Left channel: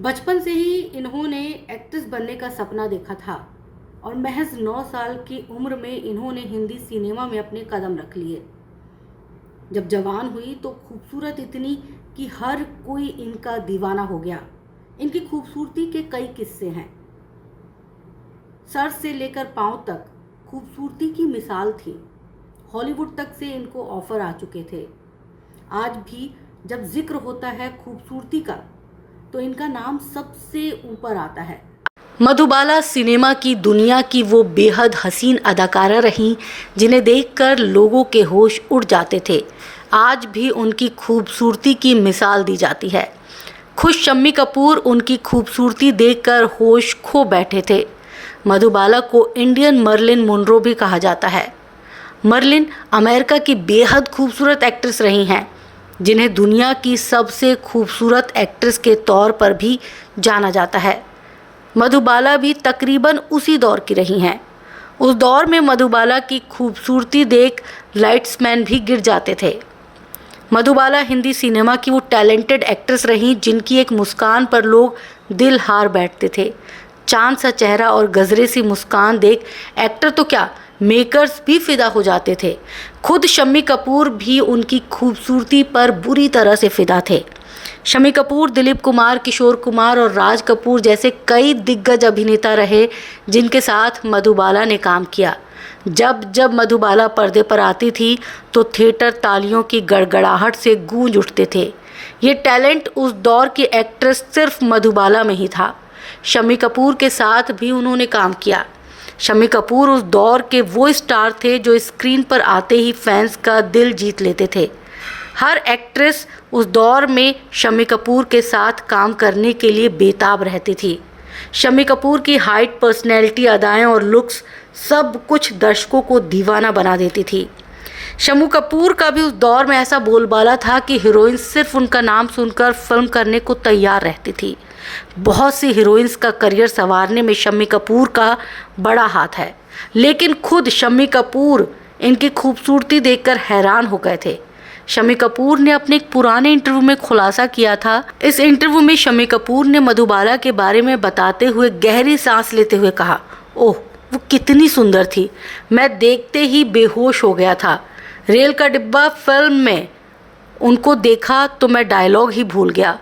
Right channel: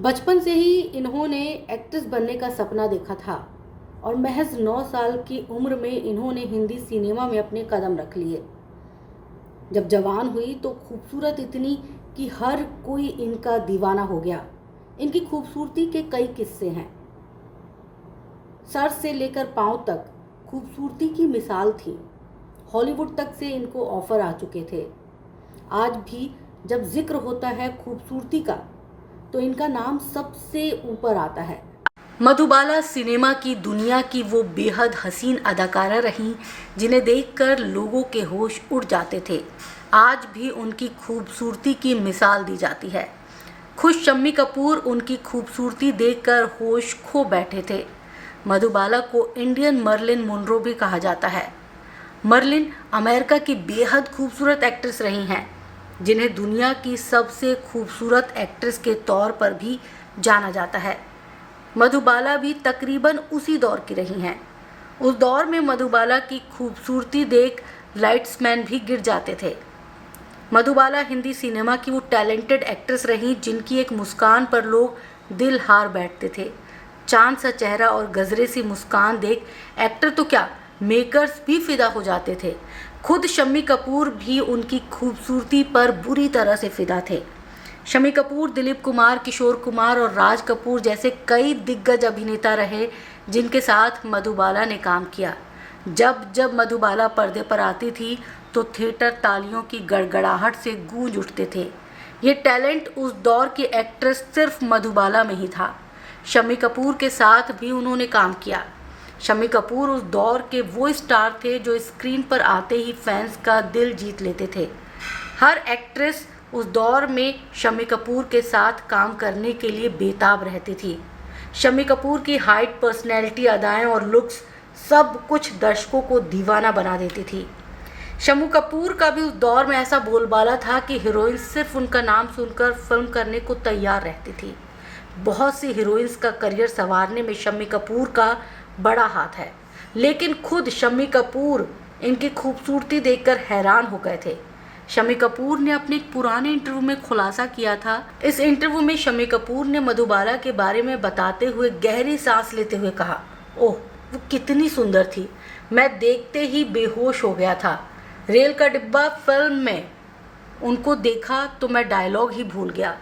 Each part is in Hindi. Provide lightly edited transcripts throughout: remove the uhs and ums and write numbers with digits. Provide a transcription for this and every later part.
बचपन से ही इन्होंने एक्ट्रेस बनने का सपना देखा था और महज 9 साल की उम्र में इन्होंने हिंदी सिनेमा में अपने कदम रख लिए। जब जवान हुई तो खूबसूरत इतनी कि हर कोई इनका दीवाना हो गया। इनकी खूबसूरती के कई किस्से हैं। सर से लेकर पांव तक खूबसूरती की मिसाल थी। हॉलीवुड तक से इनको ऑफर आ चुके थे। आज भी जब जिक्र होता है खूबसूरती का तो इनका नाम सबसे ऊपर आता है। मधुबाला सिनेमा की दुनिया की वो बेहद हसीन अदाकारा रहीं जिन्हें देखकर लोगों के होश उड़ जाते थे। आज भी उनकी खूबसूरती की मिसाल दी जाती है। खुश शम्मी कपूर उनकी खूबसूरती देखकर होश खो बैठे थे। मधुबाला को इंडियन मर्लिन मोनरो भी कहा जाता है। मर्लिन अमेरिका की बेहद खूबसूरत एक्ट्रेस रही हैं, जिन्हें दुनिया की सबसे खूबसूरत एक्ट्रेस के तौर पर भी जाना जाता है। मधुबाला भी तकरीबन उसी दौर की रही हैं। उस दौर में मधुबाला की खूबसूरती देख लाइट्समैन भी गिर जाते थे। मधुबाला हिंदी सिनेमा की वो टैलेंटेड एक्ट्रेस रहीं जिनकी एक मुस्कान पर लोग दिल हार बैठते थे। चांद सा चेहरा और गजरे सी मुस्कान देख एक्टर तो क्या, मेकर्स भी फिदा हो जाते थे। खुद शम्मी कपूर भी उनकी खूबसूरती पर बुरी तरह से फिदा थे। शम्मी कपूर दिलीप कुमार, किशोर कुमार और राज कपूर जैसे कई दिग्गज अभिनेता रहे जिनके साथ मधुबाला ने काम किया। जब जब मधुबाला पर्दे पर आती थी तो थिएटर तालियों की गड़गड़ाहट से गूंज उठते थे। ये टैलेंट उस दौर की एक्ट्रेस सिर्फ मधुबाला में ही था। शम्मी कपूर के साथ भी उन्होंने काम किया। शम्मी कपूर उस दौर के वो स्टार थे जो स्क्रीन पर आते ही फैंस का दिल जीत लेते थे। हर एक्ट्रेस उस दौर में शम्मी कपूर के साथ काम करने के लिए बेताब रहती थी। शम्मी कपूर की हाइट, पर्सनैलिटी, अदाएं और लुक्स सब कुछ दर्शकों को दीवाना बना देती थी। शम्मी कपूर का भी उस दौर में ऐसा बोलबाला था कि हीरोइन सिर्फ उनका नाम सुनकर फिल्म करने को तैयार रहती थी। बहुत सी हीरोइंस का करियर संवारने में शम्मी कपूर का बड़ा हाथ है, लेकिन खुद शम्मी कपूर इनकी खूबसूरती देखकर हैरान हो गए थे। शम्मी कपूर ने अपने एक पुराने इंटरव्यू में खुलासा किया था। इस इंटरव्यू में शम्मी कपूर ने मधुबाला के बारे में बताते हुए गहरी सांस लेते हुए कहा, ओह वो कितनी सुंदर थी, मैं देखते ही बेहोश हो गया था। रेल का डिब्बा फिल्म में उनको देखा तो मैं डायलॉग ही भूल गया।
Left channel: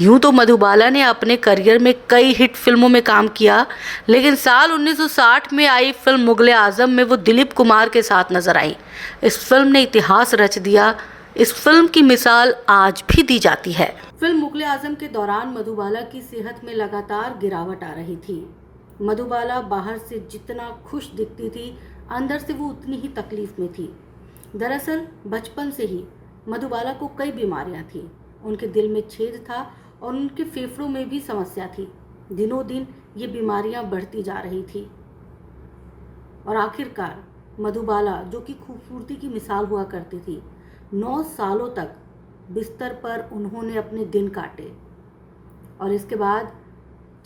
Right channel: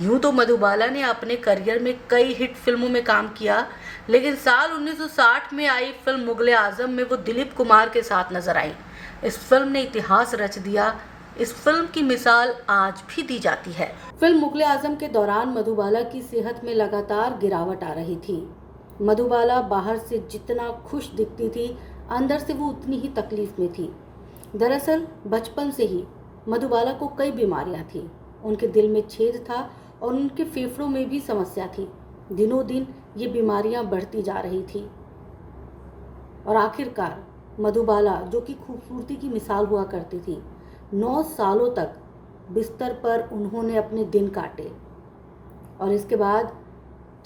यूं तो मधुबाला ने अपने करियर में कई हिट फिल्मों में काम किया, लेकिन साल 1960 में आई फिल्म मुगले आजम में वो दिलीप कुमार के साथ नजर आई। इस फिल्म ने इतिहास रच दिया। इस फिल्म की मिसाल आज भी दी जाती है। फिल्म मुगले आजम के दौरान मधुबाला की सेहत में लगातार गिरावट आ रही थी। मधुबाला बाहर से जितना खुश दिखती थी, अंदर से वो उतनी ही तकलीफ में थी। दरअसल बचपन से ही मधुबाला को कई बीमारियां थी। उनके दिल में छेद था और उनके फेफड़ों में भी समस्या थी। दिनों दिन ये बीमारियां बढ़ती जा रही थी और आखिरकार मधुबाला, जो कि खूबसूरती की मिसाल हुआ करती थी, 9 सालों तक बिस्तर पर उन्होंने अपने दिन काटे और इसके बाद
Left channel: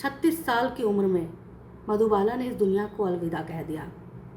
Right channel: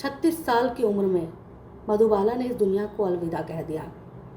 36 साल की उम्र में मधुबाला ने इस दुनिया को अलविदा कह दिया।